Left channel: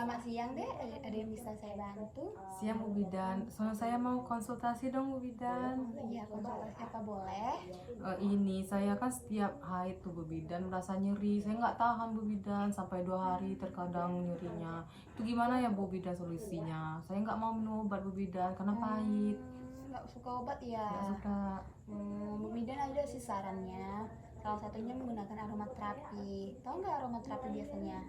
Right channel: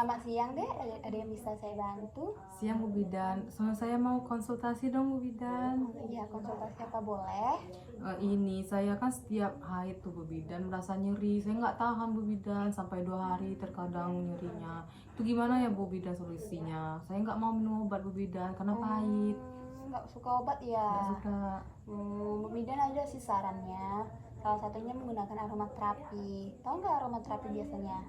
Selamat siang deh, ada yang bisa saya bantu? Siang Bu Bidan, soalnya saya mau konsultasi dong Bu Bidan. Iya, konsultasi apa boleh? Ini saya kan setiap haid tuh Bu Bidan merasa nyeri, saya nggak tahan Bu Bidan sampai 2 hari terkadang nyerinya. Itu gimana ya Bu Bidan solusinya? Saya nggak mau minum obat Bu Bidan karena pahit. Nggak suka obat ya? Nggak suka. Bu Bidan ada sih sarannya. Salah satunya menggunakan aromaterapi. Tahu nggak aromaterapi biasanya?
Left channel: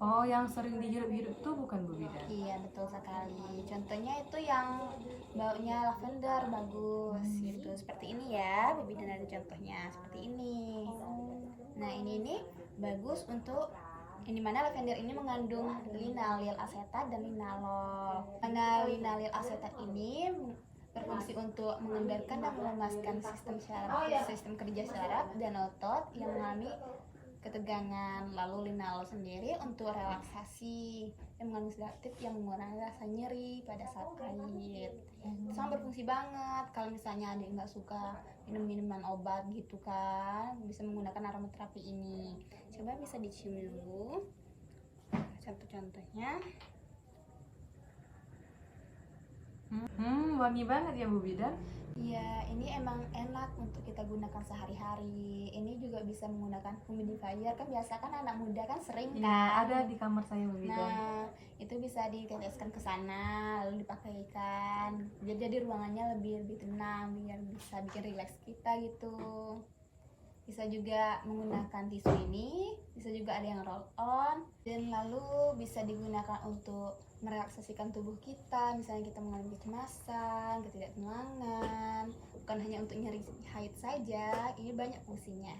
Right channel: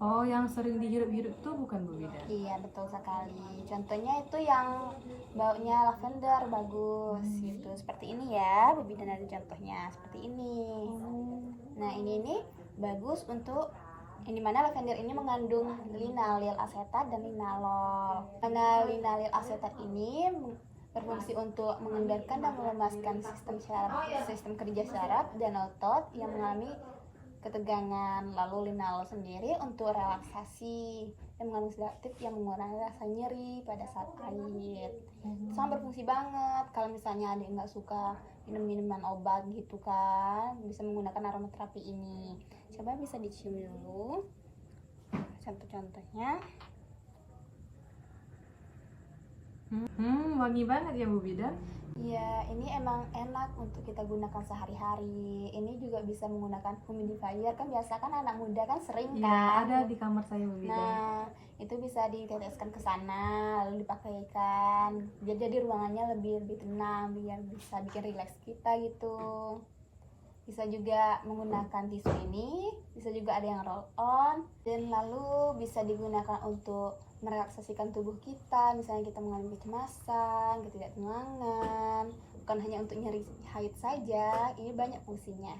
Oh, yang sering dihirup-hirup itu bukan Bu Bidan? Iya, betul sekali. Contohnya itu yang baunya lavender bagus gitu. Seperti ini ya, Bu Bidan ada contohnya seperti ini. Nah, ini bagus untuk yang dimana lavender ini mengandung linalil asetat dan linalol. Karena linalil asetat ini berfungsi untuk mengendalikan dan melemaskan sistem kerja saraf dan otot yang mengalami ketegangan. Lalu linalol sendiri untuk relaksasi dan mengandung sedatif yang mengurangi rasa nyeri pada saat haid. Itu sangat berfungsi banget. Kalau misalnya ada yang nggak suka minum minuman obat gitu kan, bisa menggunakan aromaterapi ini. Coba bisa dicium dulu contoh-contohnya. Wangi banget ya Bu Bidan. Iya, ini emang enak untuk kita gunakan sehari-hari. Ini juga bisa menggunakan humidifier, kan biasa kan anak muda kan sering Iya, kan. ada di kamar saya Bu Bidan. Nah, itu bisa diteteskan ke sana lalu dipakaikan. Jadi ruangannya lebih tenang biar bisa bikin rileks kita gitu. Bisa juga menggunakan tisu ini, bisa juga ada yang roll on, dan lalu bisa digunakan untuk merelaksasikan tubuh kita. Misalnya kita mengalami kecemasan, ketidaktenangan, bukan hanya untuk nyeri haid saja, ini banyak fungsinya.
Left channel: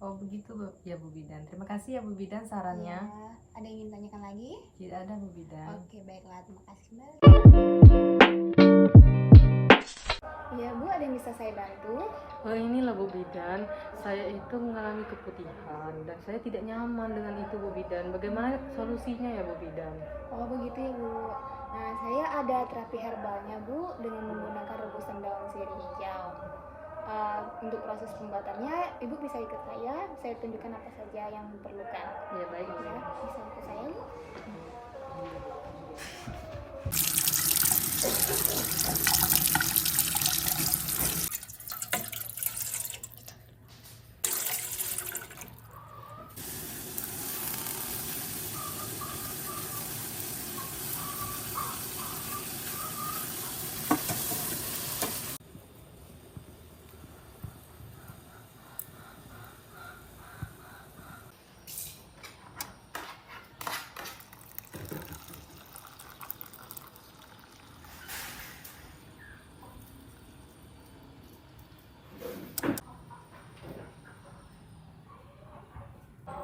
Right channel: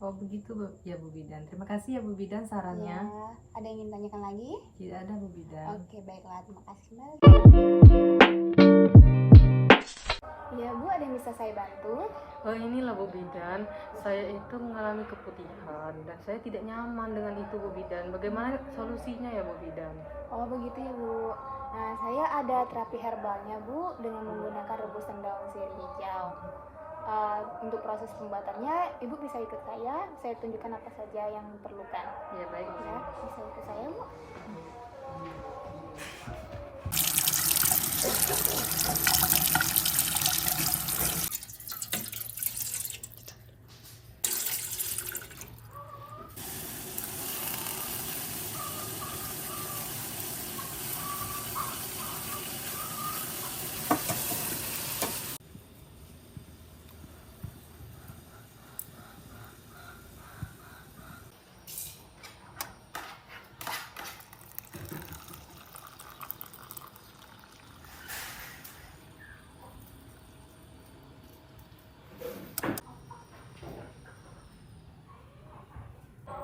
Oh begitu ya Bu Bidan. Terima kasih ya Bu Bidan sarannya. Ya, ada yang ingin tanyakan lagi? Tidak ada Bu Bidan. Oke, baiklah, terima kasih kembali. Ya Bu, ada yang bisa saya bantu? Oh inilah Bu Bidan, saya itu mengalami keputihan dan saya tidak nyaman dengan itu Bu Bidan. Bagaimana solusinya ya Bu Bidan? Oh begitu ya Bu. Nah, saya ada terapi herbalnya Bu dengan menggunakan rebusan daun sirih hijau. Untuk proses pembuatannya, Ibu bisa ikut saya tunjukkan apa saja yang diperlukan. Ya baik Ya, bisa ikut saya Bu.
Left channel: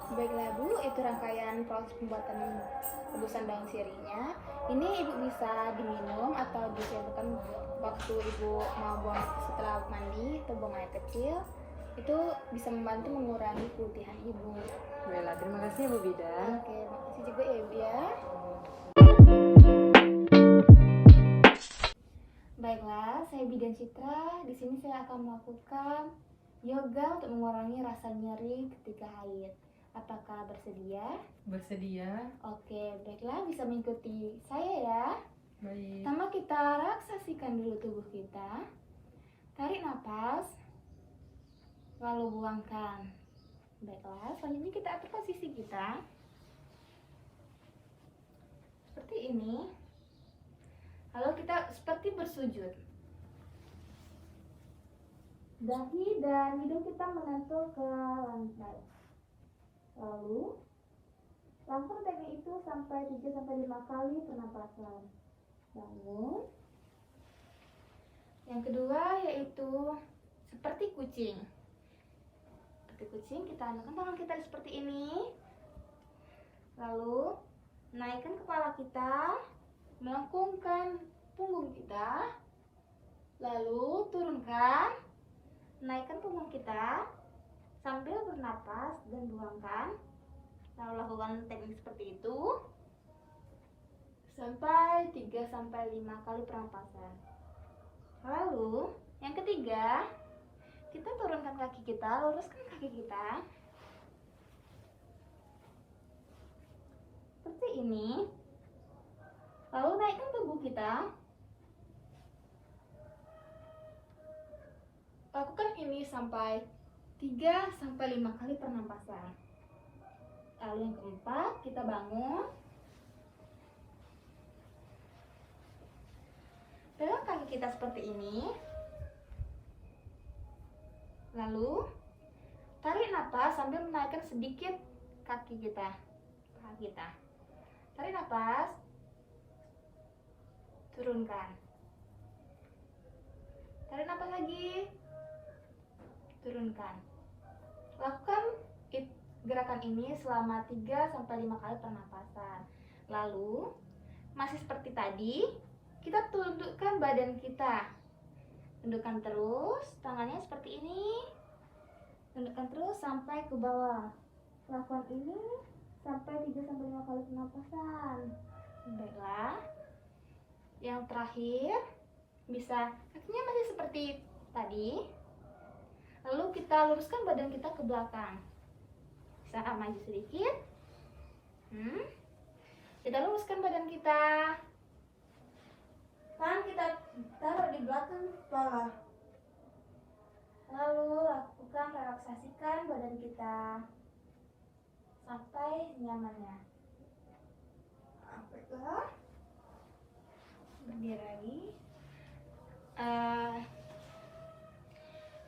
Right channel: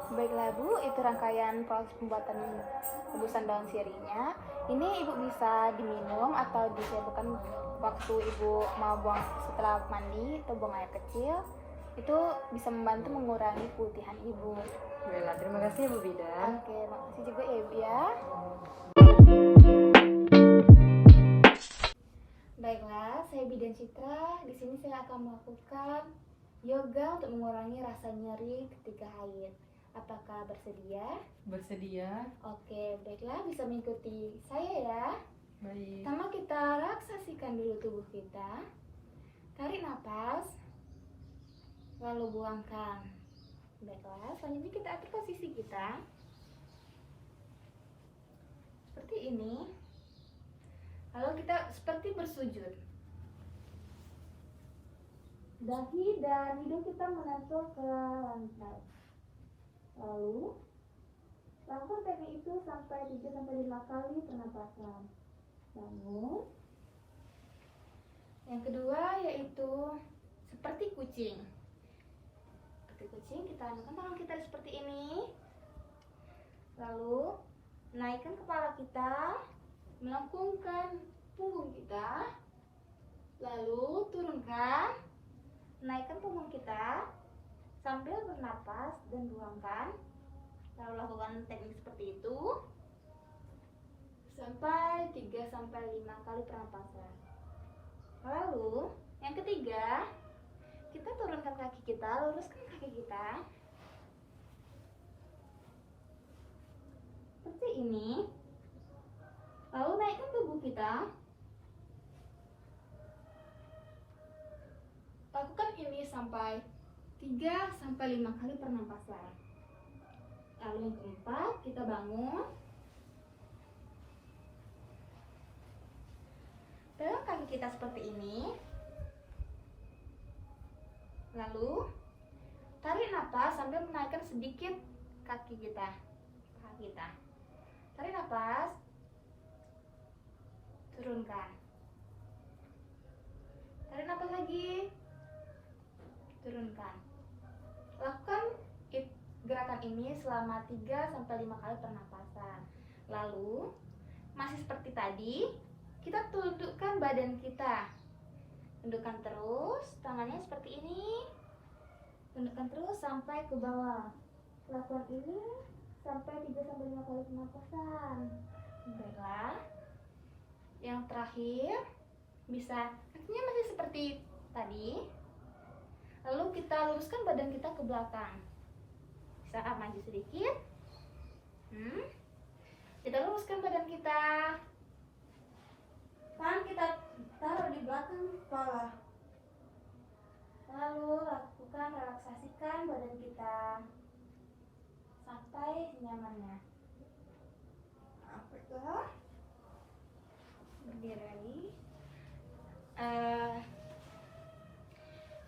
Baiklah Bu, itu rangkaian proses pembuatan rebusan daun sirihnya. Ini Ibu bisa diminum atau disiapkan waktu Ibu mau buang setelah mandi atau buang air kecil. Itu bisa membantu mengurangi putihan Ibu. Baiklah, terima kasih ya Bu Bidan. Oke, makasih juga ya Ibu ya. Baiklah, saya Bidan Citra. Di sini saya akan melakukan yoga untuk mengurangi rasa nyeri ketika haid. Apakah bersedia? Bersedia? Oke, baiklah, bisa mengikuti saya ya. Baik. Pertama kita relaksasikan dulu tubuh kita. Tarik nafas, lalu buangkan. Baiklah, selanjutnya kita atur posisi kita seperti ini. Lalu kita seperti bersujud. Dahi dan hidung kita menempel ke lantai. Lalu lakukan teknik itu sampai 3-5 kali pernapasan. Bangun. Yang kedua yaitu seperti kucing. Seperti kucing, kita andalkan tangan kita seperti ini. Lalu naikkan kepala kita, melengkungkan punggung kita. Lalu turunkan, naikkan punggung kita sambil bernapas dan buangkan. Lalu lakukan teknik seperti itu sampai 3-5 kali pernapasan. Lalu yang ketiga, kita turunkan kaki kita, luruskan kaki kita seperti ini. Lalu naikkan tubuh kita. Lakukan ini sampai 3-5 kali pernapasan. Lalu yang keempat, kita bangun. Pegang kaki kita seperti ini. Lalu tarik napas sambil menaikkan sedikit kaki kita, paha kita. Tarik napas, turunkan. Tarik napas lagi, turunkan. Lakukan gerakan ini selama 3-5 kali pernapasan. Lalu masih seperti tadi, kita tundukkan badan kita. Tundukkan terus, tangannya seperti ini. Tundukkan terus sampai ke bawah. Lakukan ini sampai 3-5 kali pernapasan. Baiklah. Yang terakhir, bisa kakinya masih seperti tadi. Lalu kita luruskan badan kita ke belakang. Bisa maju sedikit. Kita luruskan badan kita. Tangan kita taruh di belakang kepala. Lalu lakukan relaksasikan badan kita sampai nyamannya. Baiklah. Berdiri lagi.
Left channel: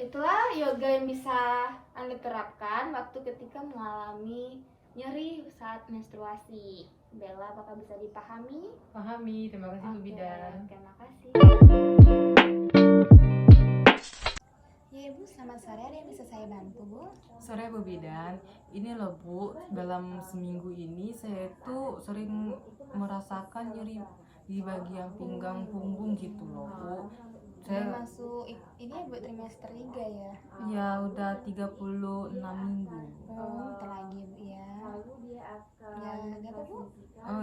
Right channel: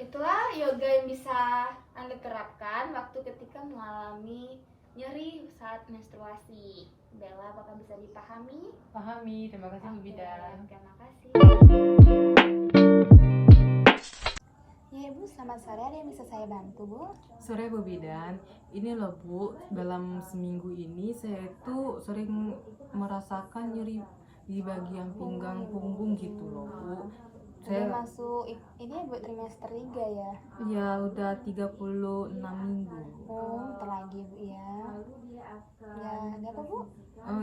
Itulah yoga yang bisa Anda terapkan waktu ketika mengalami nyeri saat menstruasi. Bella, apakah bisa dipahami? Pahami, terima kasih Bu Bidan. Terima kasih. Ya Ibu, selamat sore. Ada yang bisa saya bantu Bu? Sore Bu Bidan, ini loh Bu, dalam seminggu ini saya itu sering merasakan nyeri di bagian pinggang punggung gitu loh Bu. Udah masuk ini ya Bu, trimester 3 ya? Ya udah 36 minggu. Oh, bentar lagi Bu ya. Ya, ada apa Bu?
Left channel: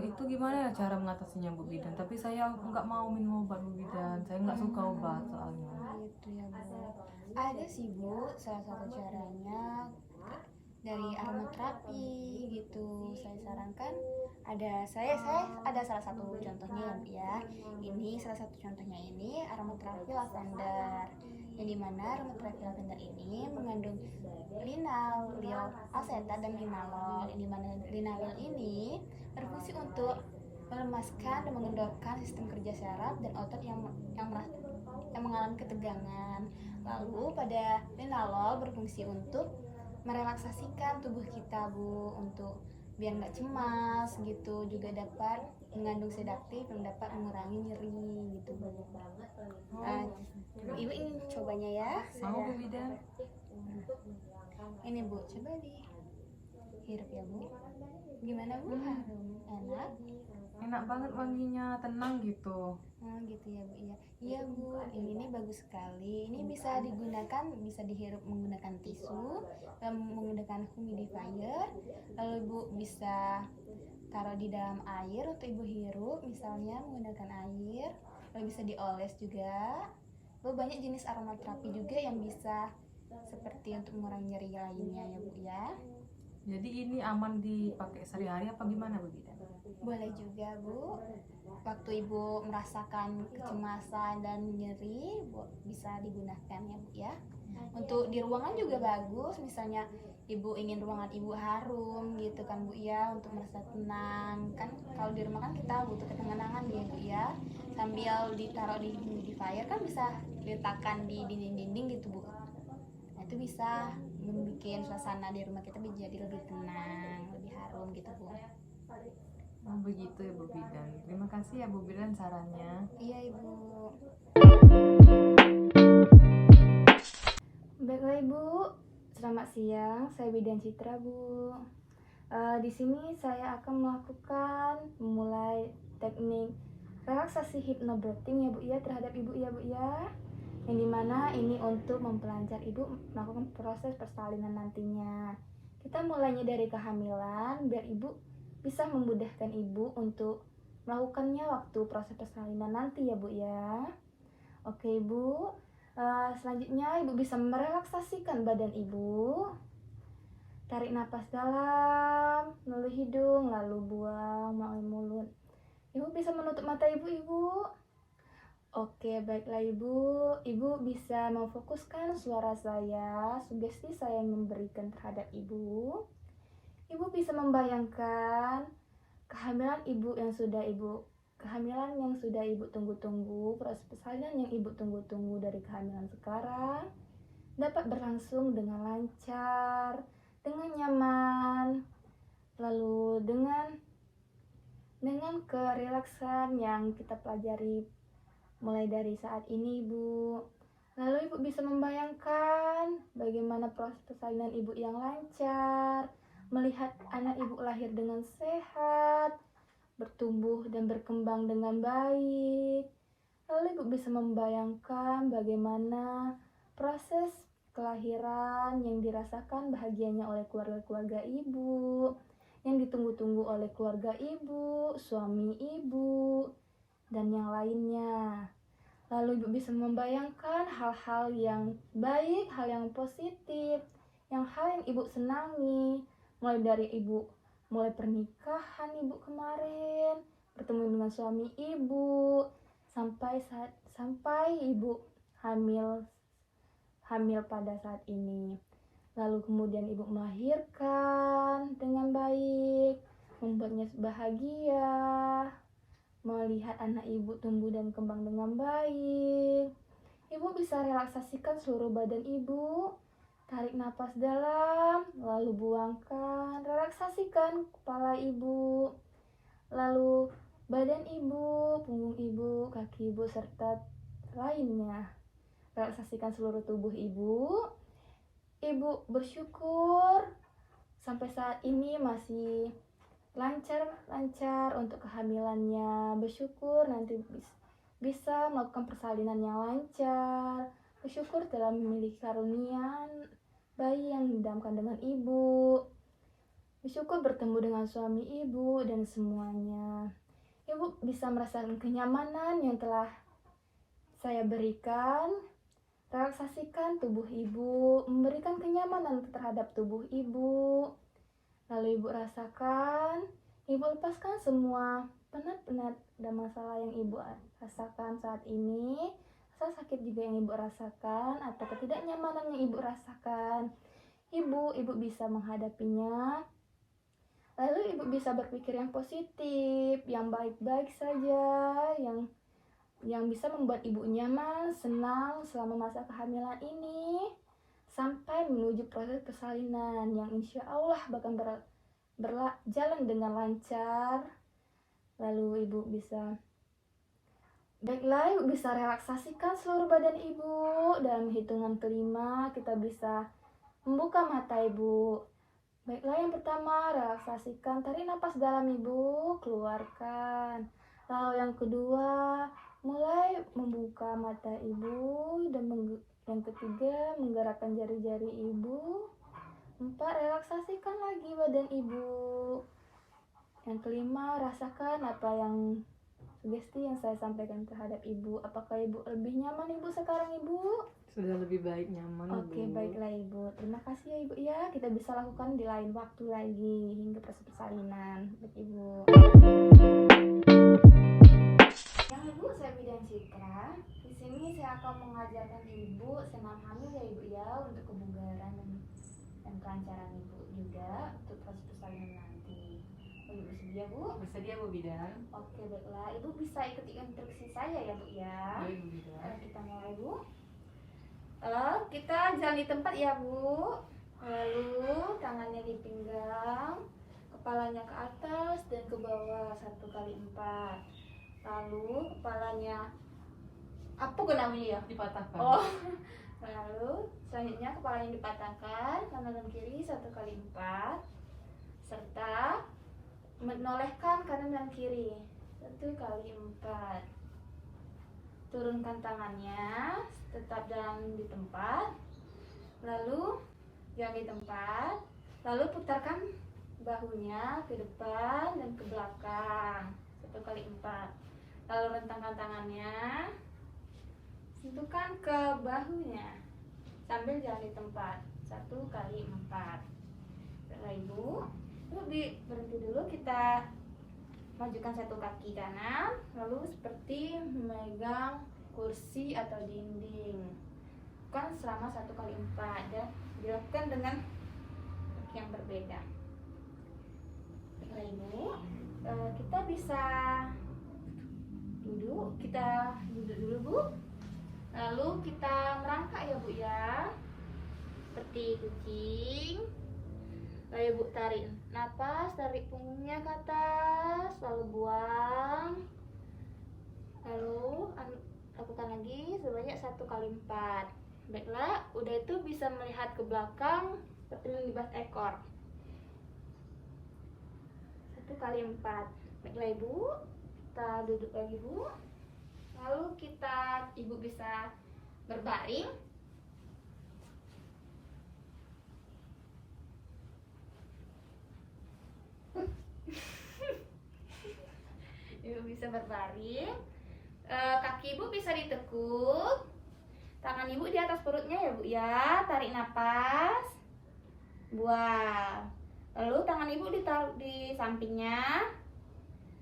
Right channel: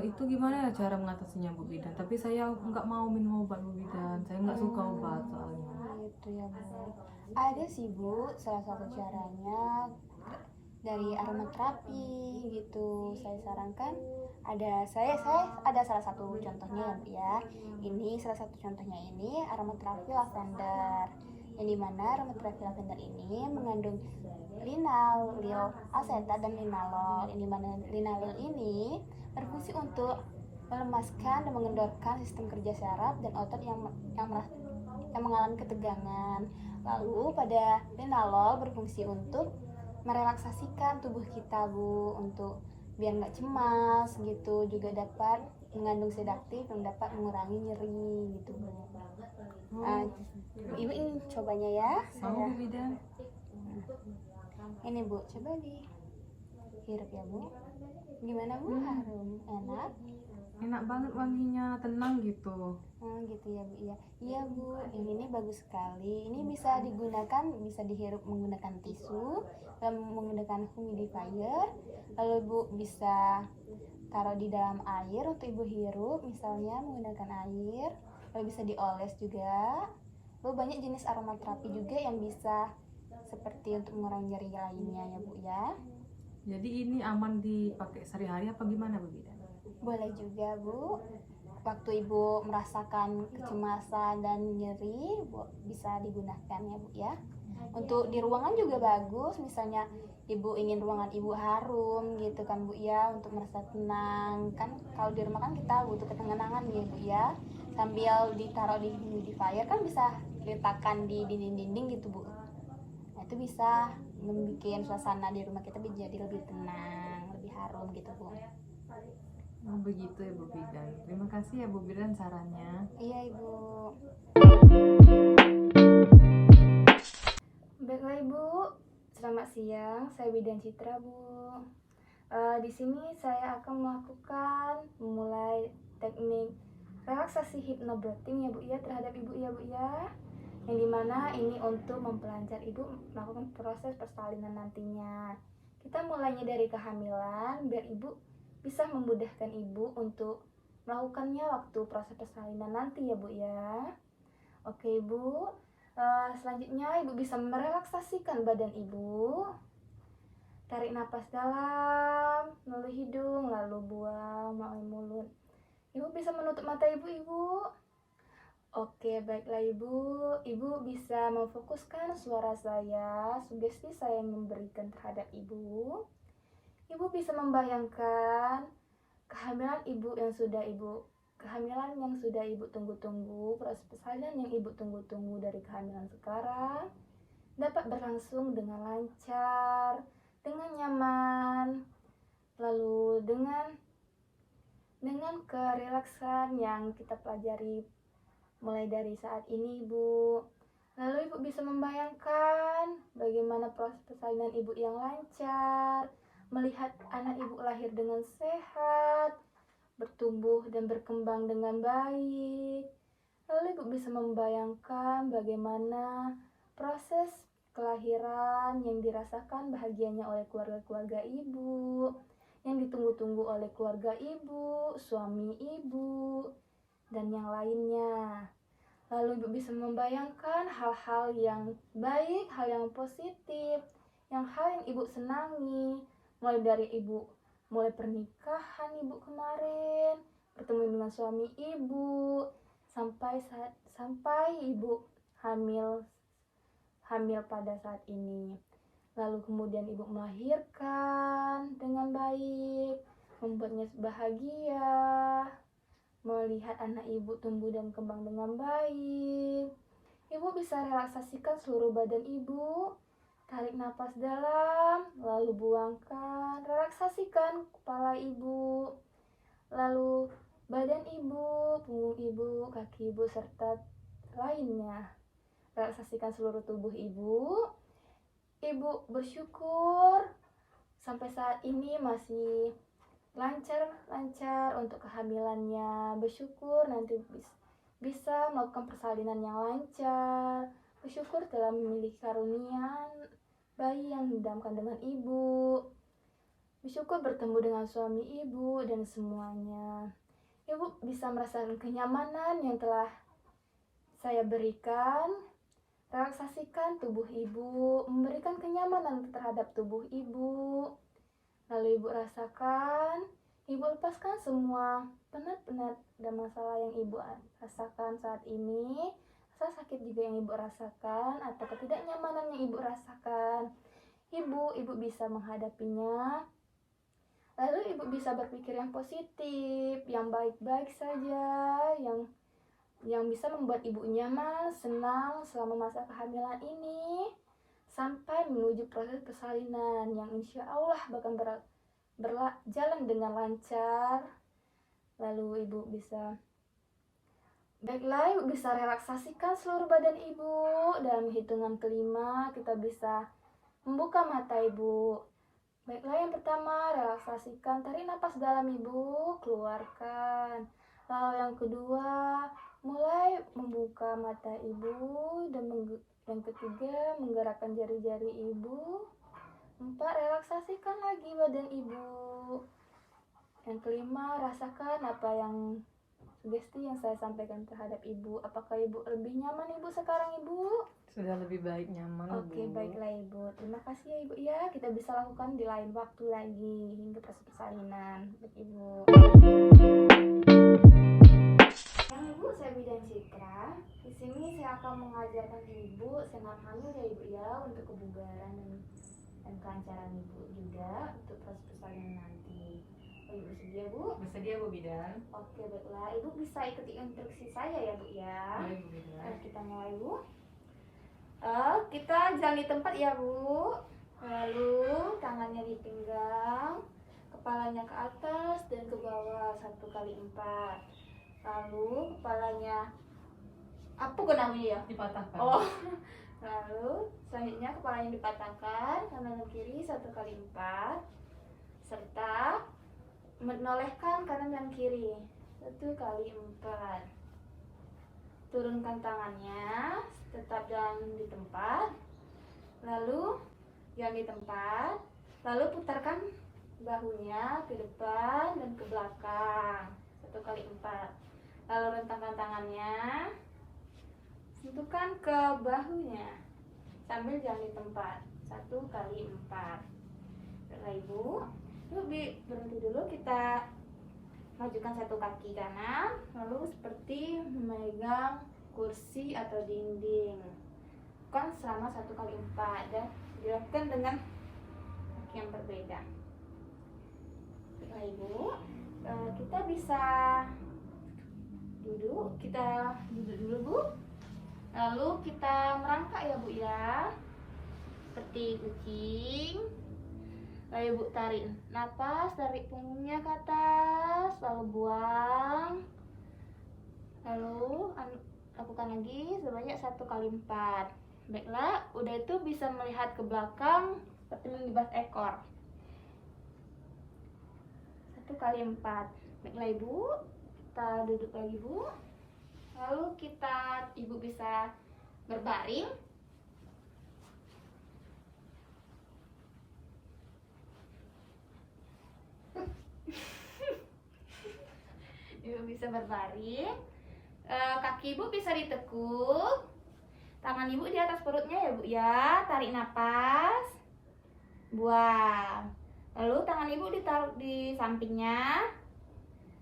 Itu gimana ya cara mengatasinya Bu Bidan? Tapi saya nggak mau minum obat Bu Bidan, saya nggak suka obat soalnya. Gitu ya Bu. Ada sih Bu, salah satu caranya dari aromaterapi gitu. Saya sarankan saya ada salah satu contohnya ya Bu ya. Ini salah satu contohnya ini aromaterapi lavender. Yang dimana aromaterapi lavender ini mengandung linalool asetat dan linalol. Yang dimana linalol ini berfungsi untuk melemaskan dan mengendorkan sistem kerja saraf dan otot yang mengalami ketegangan. Lalu pada linalol berfungsi untuk merelaksasikan tubuh kita Bu, untuk biar nggak cemas gitu, juga dapat mengandung sedatif yang dapat mengurangi nyeri gitu Bu. Ibu ingin cobanya ya? Mau Bu Bidan? Ini Bu, coba dihirup ya Bu. Gimana Bu? Harum, enak? Enak banget wanginya, tenang gitu. Gitu ya Bu ya. Iya Bu, ini bagus sekali. Ini bisa digunakan, bisa dihirup menggunakan tisu, menggunakan humidifier. Lalu Bu bisa taruh di dalam air untuk Ibu hirup, misalnya menggunakan air. Lalu bisa dioles juga. Lalu banyak jenis aromaterapi juga yang bisa seperti untuk mengurangi nyeri lainnya ya Bu ya. Jadi ini aman dipakai sehari-hari apa gimana Bu Bidan? Boleh juga Bu. Waktu Ibu merasakan kecemasan dan nyeri, Bu, bisa digunakan ya Bu ya. Untuk di ruangan juga bagus, misalnya Ibu ingin ruangan Ibu harum gitu kan Bu ya, untuk merasa tenang. Kan kalau di rumah kan kita butuh ketenangan ya Bu ya. Sambil ditaruh di humidifier kan bisa diletakkan di dinding-dinding gitu Bu. Nah, itu bisa membuat suasana di rumah kita menjadi lebih tenang, lebih harum gitu Bu. Oh begitu ya Bu Bidan. Terima kasih ya Bu Bidan sarannya. Iya Ibu. Baiklah Ibu, selamat siang. Saya Bidan Citra Bu. Di sini saya akan memulai teknik relaksasi hypnobirthing ya Bu ya, terhadap Ibu ya Bu ya. Yang dimana ini untuk mempelancar Ibu melakukan proses persalinan nantinya. Kita mulainya dari kehamilan biar Ibu bisa memudahkan Ibu untuk melakukannya waktu proses persalinan nanti ya Bu ya. Oke Ibu, selanjutnya Ibu bisa merelaksasikan badan Ibu. Tarik napas dalam melalui hidung, lalu buang melalui mulut. Ibu bisa menutup mata ibu. Oke, baiklah ibu. Ibu bisa memfokuskan suara saya, sugesti saya yang memberikan terhadap ibu. Ibu bisa membayangkan kehamilan yang sudah ibu tunggu-tunggu, proses persalinan yang ibu tunggu-tunggu dari kehamilan sekarang dapat berlangsung dengan lancar, dengan nyaman, lalu dengan kerelaksan yang kita pelajari mulai dari saat ini, ibu. Lalu ibu bisa membayangkan bagaimana proses persalinan ibu yang lancar, melihat anak ibu lahir dengan sehat, bertumbuh dan berkembang dengan baik. Lalu ibu bisa membayangkan bagaimana proses kelahiran yang dirasakan bahagianya oleh keluarga-keluarga ibu, yang ditunggu-tunggu oleh keluarga ibu, suami ibu, dan yang lainnya. Lalu ibu bisa membayangkan hal-hal yang baik, hal yang positif, hal yang ibu senangi, mulai pernikahan ibu kemarin, bertemu dengan suami ibu, sampai ibu hamil pada saat ini. Lalu kemudian ibu melahirkan dengan baik, membuatnya bahagia, melihat anak ibu tumbuh dan kembang dengan baik. Ibu bisa relaksasikan seluruh badan ibu. Tarik napas dalam, lalu buangkan. Relaksasikan kepala ibu, lalu badan ibu, punggung ibu, kaki ibu, serta lainnya. Relaksasikan seluruh tubuh ibu. Ibu bersyukur sampai saat ini masih lancar untuk kehamilannya. Bersyukur nanti bisa melakukan persalinan yang lancar. Bersyukur telah memiliki karunia bayi yang dalam kandungan ibu. Bersyukur bertemu dengan suami ibu dan semuanya. Ibu bisa merasakan kenyamanan yang telah saya berikan. Relaksasikan tubuh ibu, memberikan kenyamanan terhadap tubuh ibu. Lalu ibu rasakan, ibu lepaskan semua penat-penat dan masalah yang ibu rasakan saat ini, rasa sakit juga yang ibu rasakan, atau ketidaknyamanan yang ibu rasakan. Ibu bisa menghadapinya. Lalu ibu bisa berpikir yang positif, yang baik-baik saja, yang bisa membuat ibu nyaman, senang selama masa kehamilan ini, sampai menuju proses persalinan yang insya Allah bakal berjalan dengan lancar. Lalu ibu bisa relaksasikan seluruh badan ibu. Dalam hitungan kelima kita bisa membuka mata ibu. Baiklah, yang pertama relaksasikan, tarik napas dalam ibu, keluarkan. Lalu yang kedua, mulai membuka mata ibu, dan yang ketiga menggerakkan jari-jari ibu. 4, relaksasikan lagi badan ibu. Yang kelima, rasakan apa yang sugesti yang saya sampaikan terhadap ibu. Apakah ibu lebih nyaman ibu sekarang ibu? Sudah lebih baik, nyaman. Oke, baiklah ibu. Terima kasih ya ibu ya. Kita bisa lakukan di lain waktu lagi hingga proses persalinan. Baik ibu. Ibu, saya Bidan Citra. Di sini saya akan mengajarkan ibu senam hamil ya ibu ya, untuk kebugaran dan kelancaran ibu juga untuk proses persalinan nanti. Ibu bersedia bu? Bersedia Bu Bidan? Oke, baiklah. Ibu bisa ikuti instruksi saya ya bu ya. Baik Bu Bidan. Kita mulai bu. Kita jalan di tempat ya bu. Lalu tangannya di pinggang, kepalanya ke atas dan ke bawah 1 kali 4. Lalu kepalanya apa namanya ya? Dipatahkan. Oh. Lalu selanjutnya kepalanya dipatahkan kanan dan kiri 1 kali 4, serta menolehkan kanan dan kiri 1 kali 4. Turunkan tangannya, tetap jalan di tempat. Lalu jalan di tempat. Lalu putarkan bahunya ke depan dan ke belakang 1 kali 4. Lalu rentangkan tangannya, sentuhkan ke bahunya sambil jalan di tempat 1 kali 4. Baiklah ibu, berhenti dulu, kita majukan satu kaki kanan, lalu seperti memegang kursi atau dinding. Kan selama 1 kali 4 dan dilakukan dengan kaki yang berbeda. Baiklah ibu, kita bisa duduk dulu bu. Lalu kita merangkak ya bu ya, seperti kucing. Lalu ibu tarik napas, tarik punggungnya ke atas, lalu buang. Lalu lakukan lagi sebanyak 1 kali 4. Baiklah, udah itu bisa melihat ke belakang seperti melibas ekor. 1 kali 4. Baiklah ibu, kita duduk lagi bu. Lalu ibu bisa berbaring. Ibu bisa berbaring. Kaki ibu bisa ditekuk. Tangan ibu di atas perutnya ya bu ya. Tarik napas, buang. Lalu tangan ibu ditaruh di sampingnya.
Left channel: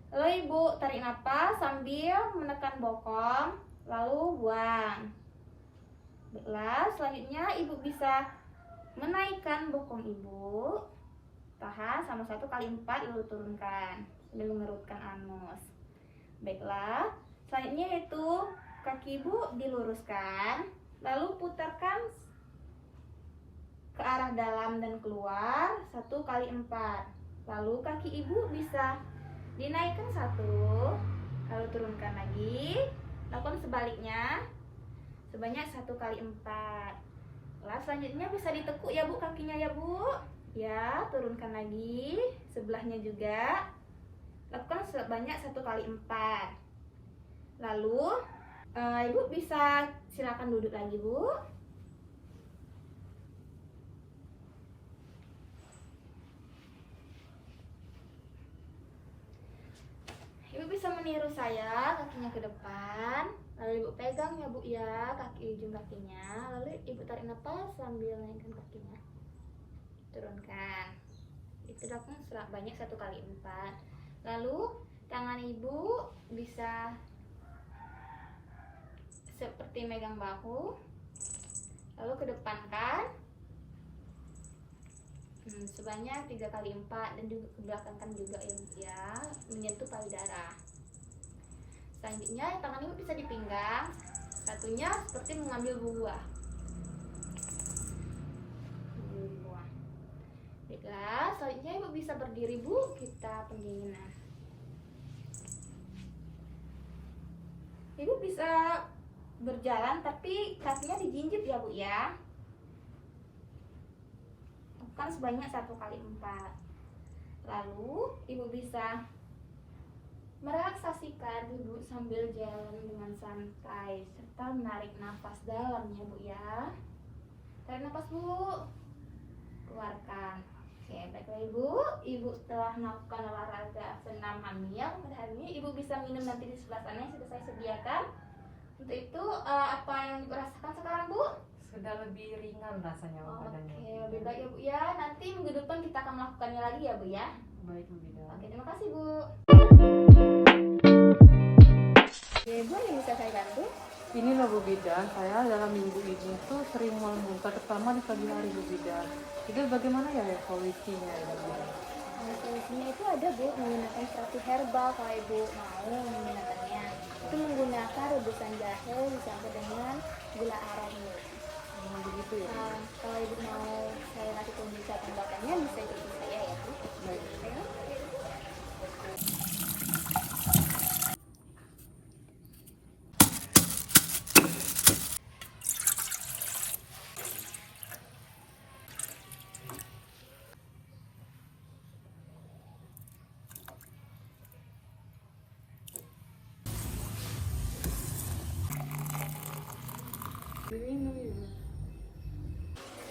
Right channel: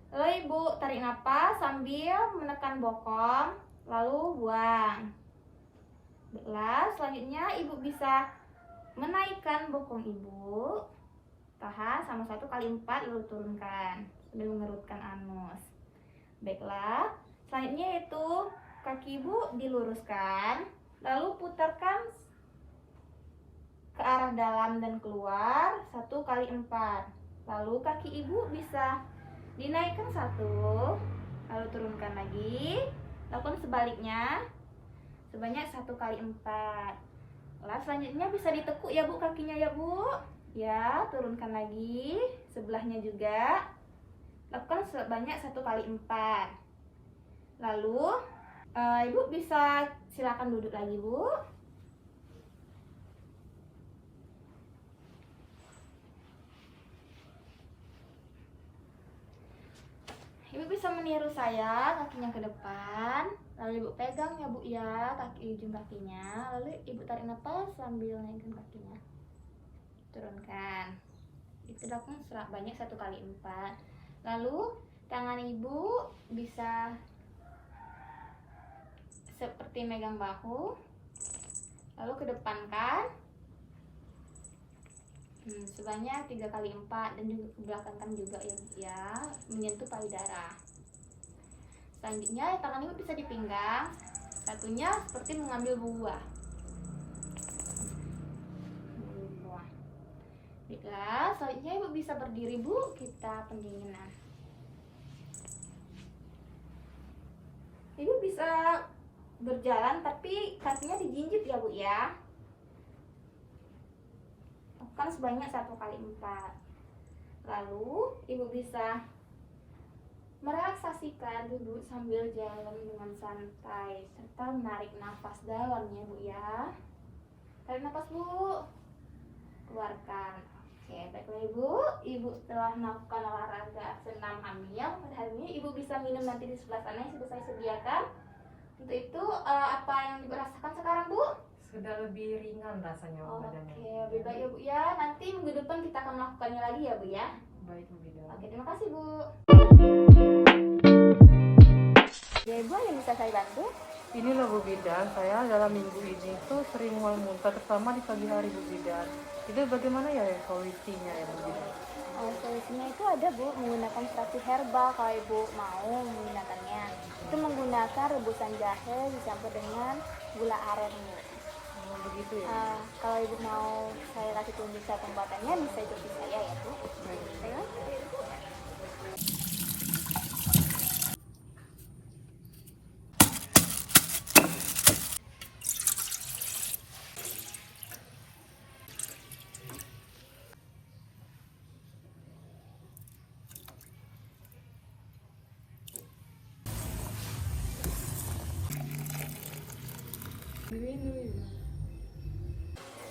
Lalu ibu tarik napas sambil menekan bokong, lalu buang. Baiklah, selanjutnya ibu bisa menaikkan bokong ibu. Tahan sama 1 kali 4, lalu turunkan sambil mengerutkan anus. Baiklah, selanjutnya itu kaki ibu diluruskan, lalu putarkan ke arah dalam dan keluar 1 kali 4. Lalu kaki ibu bisa dinaikkan 1, lalu turunkan lagi. Lakukan sebaliknya sebanyak 1 kali 4. Lalu selanjutnya bisa ditekuk ya bu kakinya ya bu. Ya, turunkan lagi. Sebelahnya juga. Lakukan sebanyak 1 kali 4. Lalu ibu bisa silakan duduk lagi bu. Ibu bisa meniru saya, kakinya ke depan, lalu ibu pegang ya bu ya, ujung kakinya, lalu ibu tarik nafas sambil naikkan kakinya, turunkan. Itu lakukan banyak 1 kali 4. Lalu tangan ibu bisa seperti megang bahu, lalu kedepankan sebanyak 3 kali 4 dan juga kebelakangkan juga ya, menyentuh payudara. Selanjutnya tangan ibu bisa di pinggang, satunya seperti mengambil buah. Baiklah, selanjutnya ibu bisa berdiri bu, kita pendinginan. Ibu bisa berjalan tapi kakinya dijinjit ya bu ya. Kan sebanyak 1 kali 4. Lalu ibu bisa merelaksasikan duduk sambil jalan dengan santai serta menarik nafas dalam ya bu ya. Tarik nafas bu, keluarkan. Oke, baiklah ibu setelah melakukan olahraga senam hamil pada hari ini, ibu bisa minum nanti di sebelah sana yang sudah saya sediakan. Untuk itu apa yang ibu rasakan sekarang bu? Sudah lebih ringan rasanya badannya. Oke, lebih baik ya bu ya. Nanti minggu depan kita akan melakukannya lagi ya bu ya. Baik Bu Bidan. Oke, terima kasih bu. Ya ibu, yang bisa saya bantu? Inilah Bu Bidan, saya dalam minggu ini tuh sering mual muntah, terutama di pagi hari Bu Bidan. Itu bagaimana ya solusinya ya Bu Bidan? Solusinya itu ada bu, menggunakan terapi herbal kalau ibu mau menggunakannya. Itu menggunakan rebusan jahe dicampur dengan gula aren bu. Begitu ya? Kalau ibu mau saya kasih tunjuk cara pembuatannya, bisa ikuti saya ya bu. Baik. Ya.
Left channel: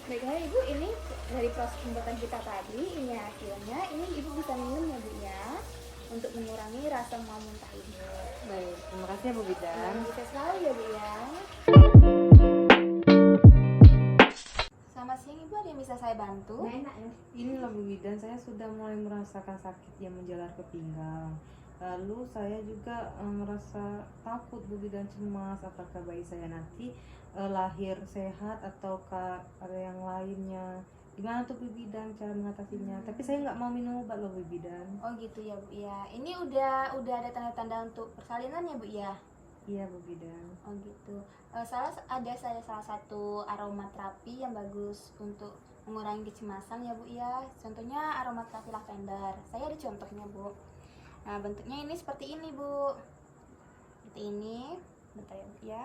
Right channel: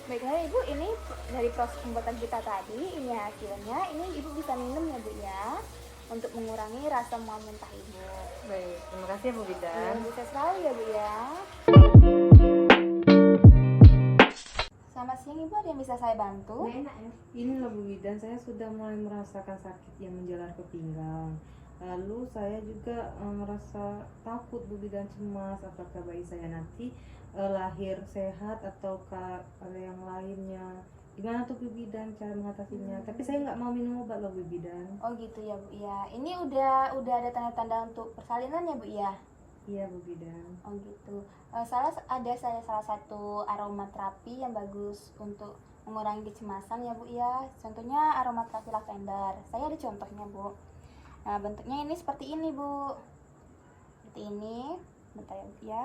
Baiklah ibu, ini dari proses pembuatan kita tadi, ini hasilnya. Ini ibu bisa minum ya bu ya, untuk mengurangi rasa mual muntah ibu. Baik, terima kasih ya Bu Bidan. Bisa selalu ya bu ya. Selamat siang Ibu, ada yang bisa saya bantu? Ini loh Bu Bidan, saya sudah mulai merasakan sakit yang menjalar ke pinggang. Lalu saya juga merasa takut Bu Bidan, cemas apakah bayi saya nanti lahir sehat ataukah ada yang lainnya. Gimana tuh Bu Bidan cara mengatasinya? Tapi saya nggak mau minum obat loh Bu Bidan. Oh gitu ya Bu ya. Ini udah ada tanda-tanda untuk persalinan ya Bu ya? Iya Bu Bidan. Oh gitu. Salah satu aromaterapi yang bagus untuk mengurangi kecemasan ya Bu ya. Contohnya aromaterapi lavender. Saya ada contohnya Bu. Nah bentuknya ini seperti ini Bu. Seperti ini. Bentar ya Bu ya.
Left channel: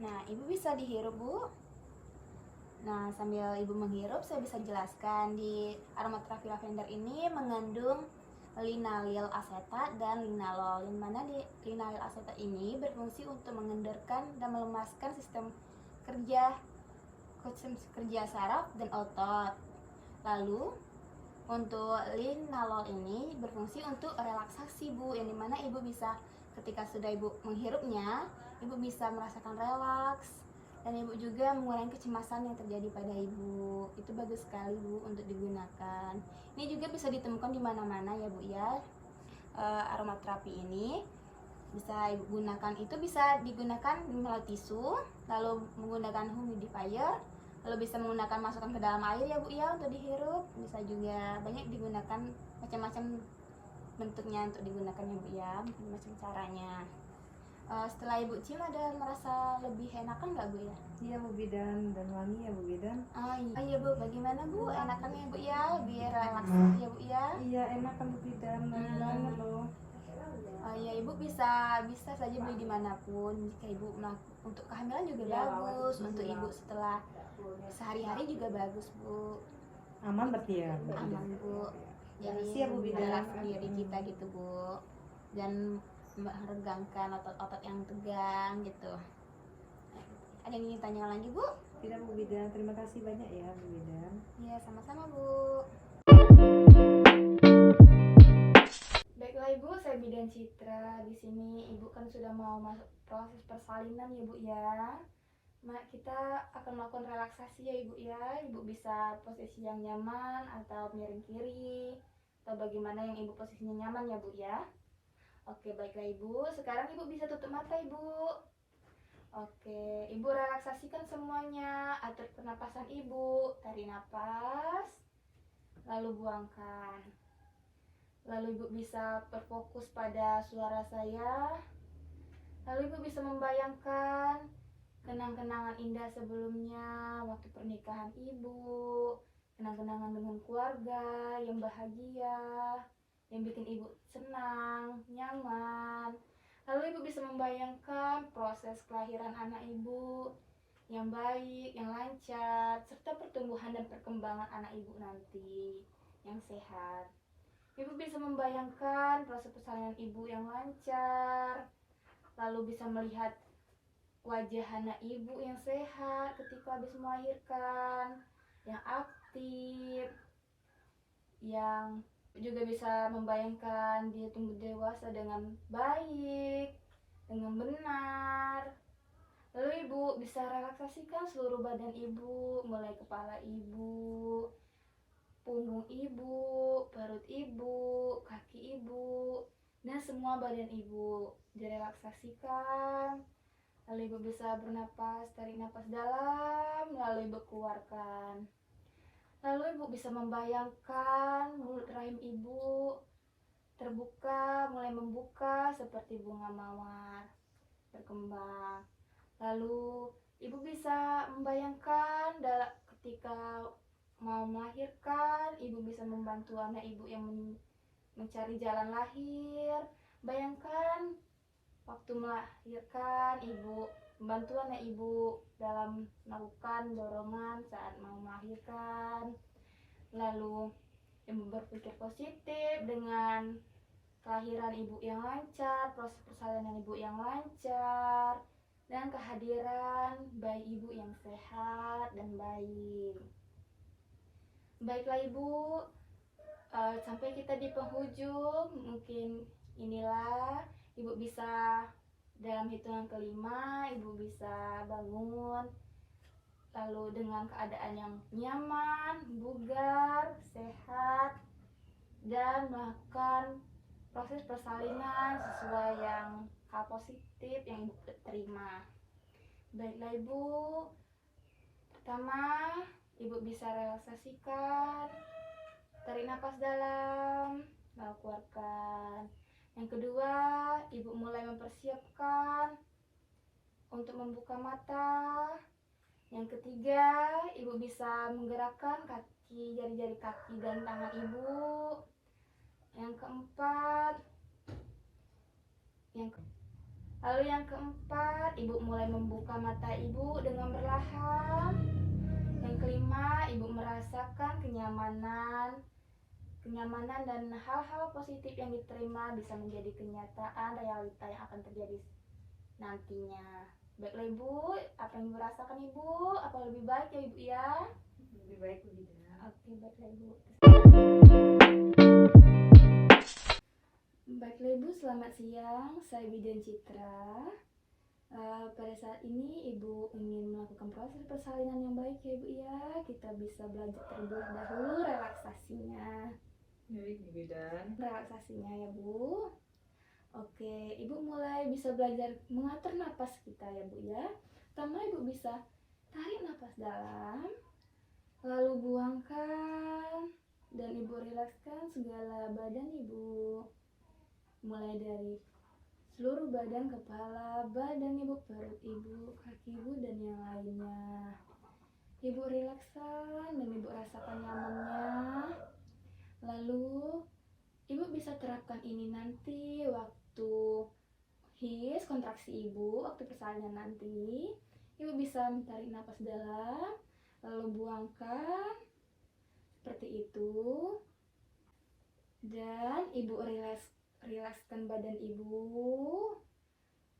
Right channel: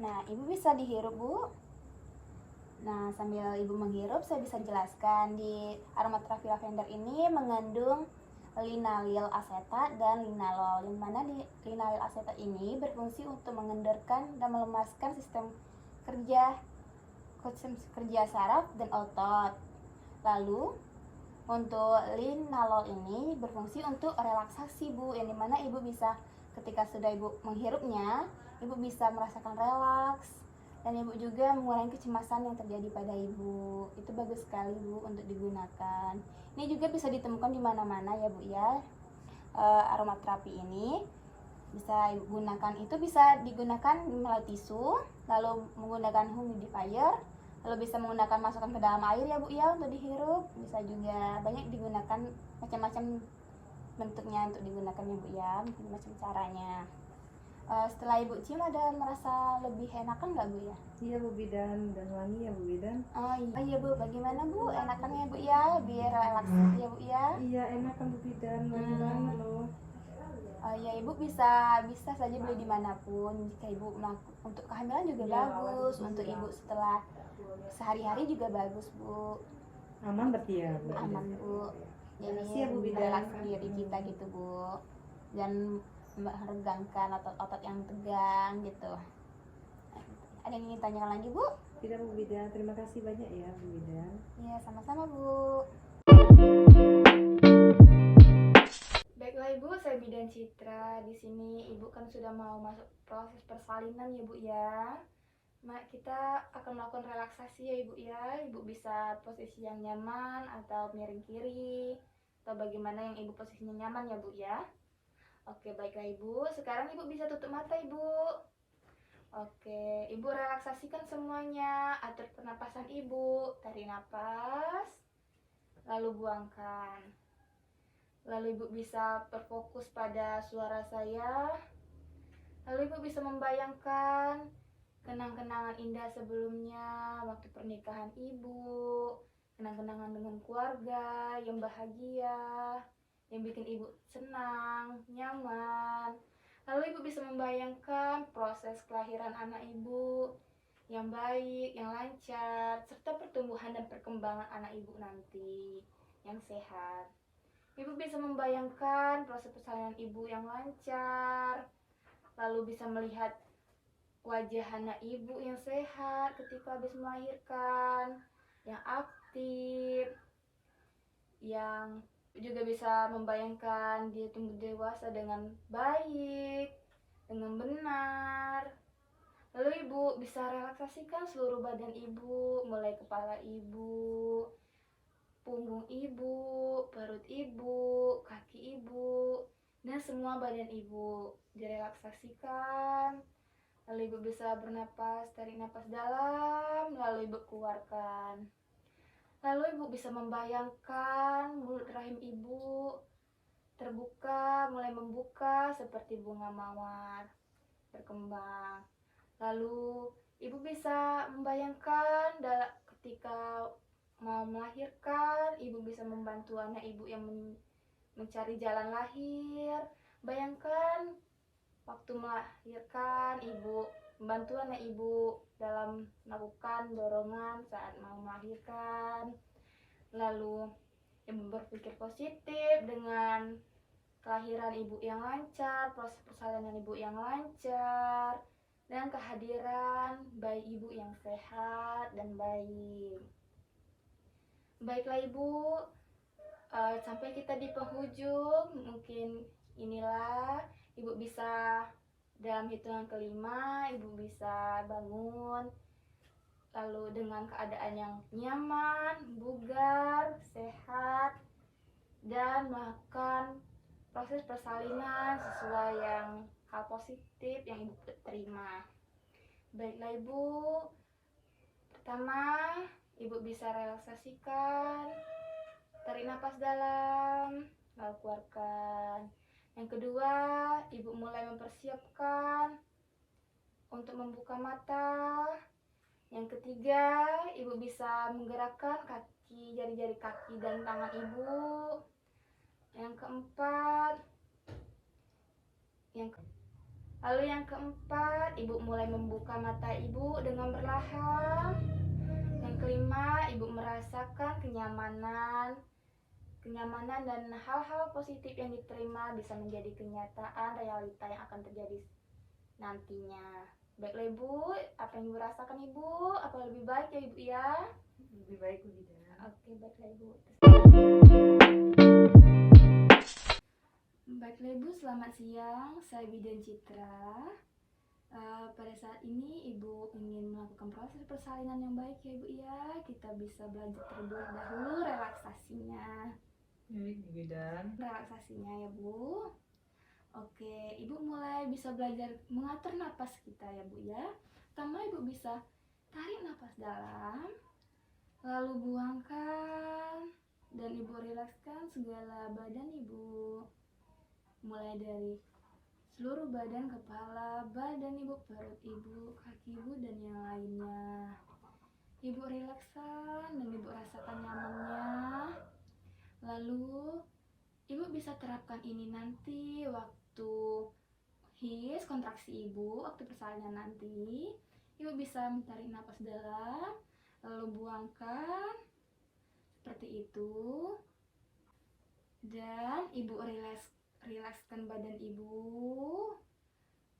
Nah Ibu bisa dihirup Bu. Nah sambil Ibu menghirup saya bisa jelaskan di aromaterapi lavender ini mengandung linalil asetat dan linalol, yang mana di linalil asetat ini berfungsi untuk mengendorkan dan melemaskan sistem kerja saraf dan otot. Lalu untuk linalol ini berfungsi untuk relaksasi Bu, yang dimana Ibu bisa ketika sudah Ibu menghirupnya, Ibu bisa merasakan relaks dan Ibu juga mengurangi kecemasan yang terjadi pada Ibu. Itu bagus sekali Bu untuk digunakan. Ini juga bisa ditemukan di mana-mana ya Bu ya. Aromaterapi ini bisa Ibu gunakan, itu bisa digunakan melalui tisu, lalu menggunakan humidifier, lalu bisa menggunakan masukkan ke dalam air ya Bu ya untuk dihirup. Bisa juga banyak digunakan, macam-macam bentuknya untuk digunakan ya Bu ya, macam caranya. Setelah Ibu cium ada merasa lebih enakan nggak Bu ya? Iya Bu Bidan, dan wangi ya Bu Bidan. Iya Bu, bagaimana Bu? Enakan ya Bu ya? Biar relaks ya Bu ya? Iya enakan Bu Bidan, wangi banget loh. Ya Ibu bisa saja beli dimanapun. Jika Ibu untuk kehamilan juga bagus, untuk Ibu setelah sehari-hari juga bagus Bu. Aman berarti ya Bu Bidan? Aman Bu. Jadi Makasih ya, Bu Bidan. relaks diri kita gitu Bu, dan meregangkan otot-otot yang tegang gitu. Ada yang ingin tanyakan lagi Bu? Tidak Bu Bidan, terima kasih banyak ya Bu Bidan. Iya sama-sama Bu. Baiklah Ibu, saya Bidan Citra. Di sini Ibu kan sudah mau masuk proses persalinan ya Bu ya. Kita akan melakukan relaksasi ya Ibu ya. Ibu bisa posisi yang nyaman atau miring kiri, atau bagaimana yang Ibu posisinya nyaman ya Bu ya. Oke, baiklah Ibu. Sekarang Ibu bisa tutup mata Ibu. Oke, Ibu relaksasikan semuanya. Atur pernapasan Ibu. Tarik napas, lalu buangkan. Lalu Ibu bisa berfokus pada suara saya. Lalu Ibu bisa membayangkan kenang-kenangan indah sebelumnya, waktu pernikahan Ibu, kenang-kenangan dengan keluarga yang bahagia, yang bikin Ibu senang, nyaman. Lalu Ibu bisa membayangkan proses kelahiran anak Ibu yang baik, yang lancar, serta pertumbuhan dan perkembangan anak Ibu nanti yang sehat. Ibu bisa membayangkan proses persalinan Ibu yang lancar, lalu bisa melihat wajah anak Ibu yang sehat ketika habis melahirkan, yang aktif, yang juga bisa membayangkan dia tumbuh dewasa dengan baik, dengan benar. Lalu Ibu bisa relaksasikan seluruh badan Ibu, mulai kepala Ibu, punggung Ibu, perut Ibu, kaki Ibu, dan semua badan Ibu direlaksasikan. Lalu Ibu bisa bernapas, tarik napas dalam, lalu Ibu keluarkan. Lalu Ibu bisa membayangkan mulut rahim Ibu terbuka, mulai membuka seperti bunga mawar berkembang. Lalu Ibu bisa membayangkan ketika mau melahirkan, Ibu bisa membantu anak Ibu yang mencari jalan lahir. Bayangkan waktu melahirkan, Ibu membantu anak Ibu dalam melakukan dorongan saat mau melahirkan. Lalu Ibu berpikir positif dengan kelahiran Ibu yang lancar, proses persalinan Ibu yang lancar, dan kehadiran bayi Ibu yang sehat dan baik. Baiklah Ibu, sampai kita di penghujung. Mungkin inilah Ibu bisa dalam hitungan kelima, Ibu bisa bangun lalu dengan keadaan yang nyaman, bugar, sehat, dan melakukan proses persalinan sesuai yang hal positif yang ibu terima. Baiklah ibu, pertama ibu bisa relaksasikan, tarik napas dalam, lalu keluarkan. Yang kedua, ibu mulai mempersiapkan untuk membuka mata. Yang ketiga, ibu bisa menggerakkan kaki, jari-jari kaki dan tangan ibu. Yang keempat, yang keempat, ibu mulai membuka mata ibu dengan perlahan. Yang kelima, ibu merasakan kenyamanan dan hal-hal positif yang diterima bisa menjadi kenyataan realita yang akan terjadi nantinya. Baiklah ibu, apa yang ibu rasakan ibu? Apa lebih baik ya ibu ya? Lebih baik Bu Bidan. Oke, baiklah ibu. Baiklah ibu, selamat siang. Saya Bidan Citra. Pada saat ini ibu ingin melakukan proses persalinan yang baik ya ibu ya. Kita bisa belajar terlebih dahulu relaksasinya. Baik Bu Bidan. Relaksasinya ya bu. Oke, ibu mulai bisa belajar mengatur napas kita ya bu ya. Pertama ibu bisa tarik napas dalam, lalu buangkan, dan ibu rilekskan segala badan ibu. Mulai dari seluruh badan, kepala, badan ibu, perut ibu, kaki ibu, dan yang lainnya. Ibu rilekskan dan ibu rasakan nyamannya. Lalu ibu bisa terapkan ini nanti waktu his, kontraksi ibu, waktu persalinan nanti. Ibu bisa menarik napas dalam, lalu buangkan seperti itu. Dan ibu rilekskan badan ibu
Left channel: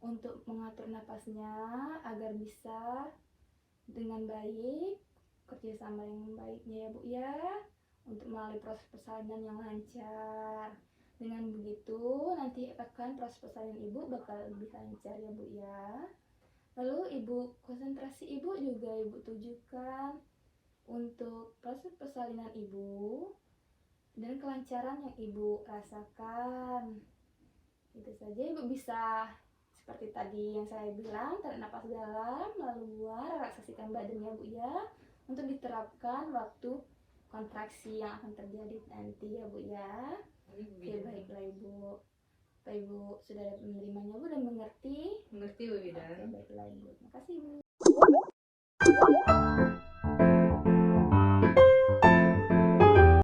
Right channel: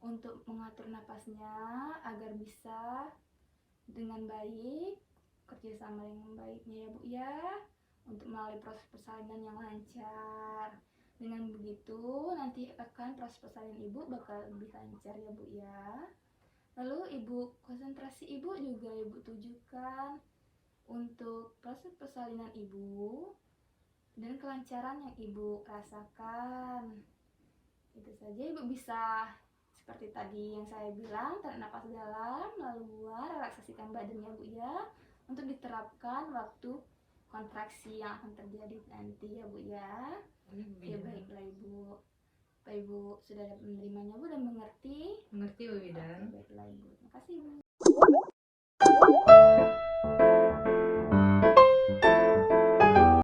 untuk mengatur napasnya agar bisa dengan baik, kerjasama yang baiknya ya bu ya, untuk melalui proses persalinan yang lancar. Dengan begitu nanti akan proses persalinan ibu bakal lebih lancar ya bu ya. Lalu ibu konsentrasi ibu juga ibu tujukan untuk proses persalinan ibu dan kelancaran yang ibu rasakan. Itu saja, ibu bisa seperti tadi yang saya bilang, tarik nafas dalam, lalu buang, relaksasikan badannya bu ya, untuk diterapkan waktu kontraksi yang akan terjadi nanti ya bu ya. Oke, baiklah ibu. Apa ibu sudah menerimanya bu dan mengerti? Mengerti Bu Bidan. Oke, baiklah ibu. Terima kasih ibu.